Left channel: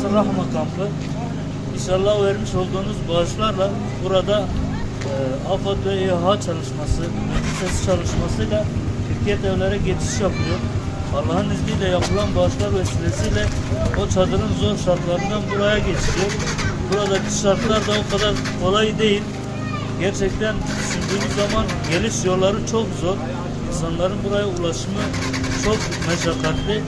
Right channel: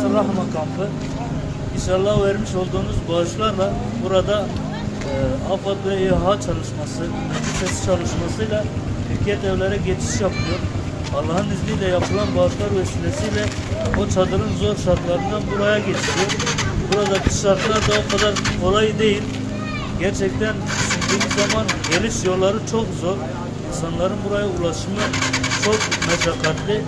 Nasır Rahma kampı. İnşallah vermiş olduğunuz bağışlarla burada e, AFAD ve İHA çalışması, meclis çalışmasıyla Türkiye evlere geçiş yapıyor. Allah'ın izniyle yapılan bağışlar vesilesiyle o çadırın zor şartlarından buraya geçiyor. Buradaki şartlar da o kadar kolay değil. Gerçekten düşündüğümüz zaman geliş yolları çok zor. İnsanların buraya ulaşımı çok meşakkatli.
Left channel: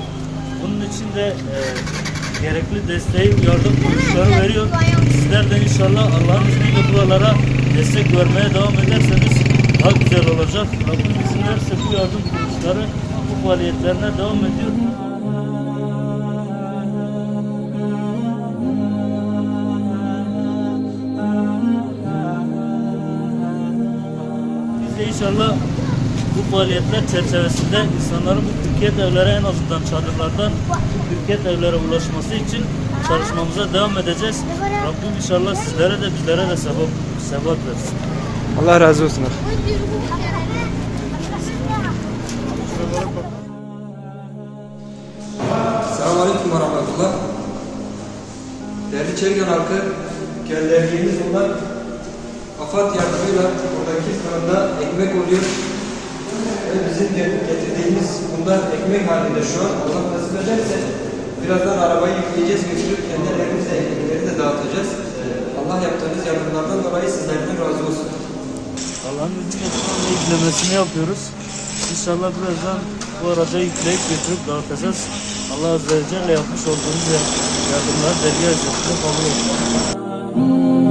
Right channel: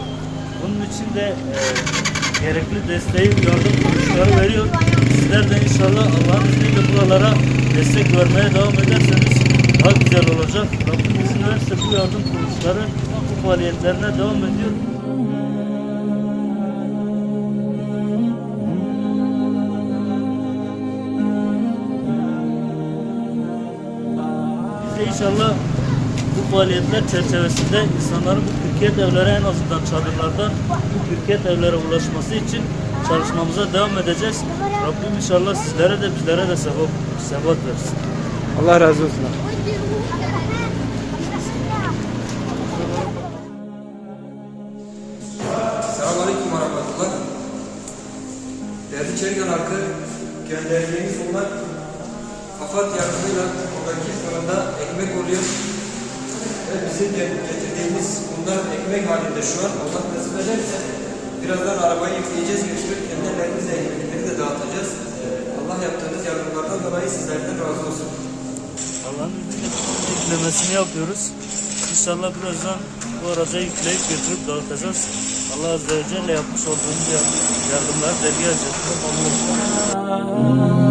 Bunun için de e, gerekli desteği, yardım kuruluşları veriyor. Sizler de inşallah Allah'ın izniyle buralara destek vermeye devam ederseniz daha güzel olacak. Rabbim izin verirse bu yardım kuruluşları bu faaliyetlerine devam ediyor. Biz de inşallah bu faaliyetler çerçevesinde insanların bu Türkiye evlere en azından çadırlardan Türkiye evlere ulaşması için çalışmamıza devam edeceğiz. Rabbim inşallah sizlere de bizlere de sevap, sebat versin. Allah razı olsun. Selamünaleyküm rahmetullah. Değerli Çergen halkı, gönderdiğimiz bunlar AFAD yardımıyla buradaki fırında ekmek oluyor. Ve bizim de getirdiğimiz bunlar ekmek halinde şu an. Allah nasip ederse birazdan arabayı yükleyeceğiz, götürüp kendi ellerimizle de dağıtacağız. Ee, Allah yaptığınız yardımlardan dolayı sizlerden razı olsun. Allah'ın izniyle şu anda yüklemesini yapıyoruz. İnşallah birazdan bu araca yükleyip götürüp dağıtacağız. Allah Azze ve Celle yapmış olduğumuz yardımları dergi ücretine kabul etsin.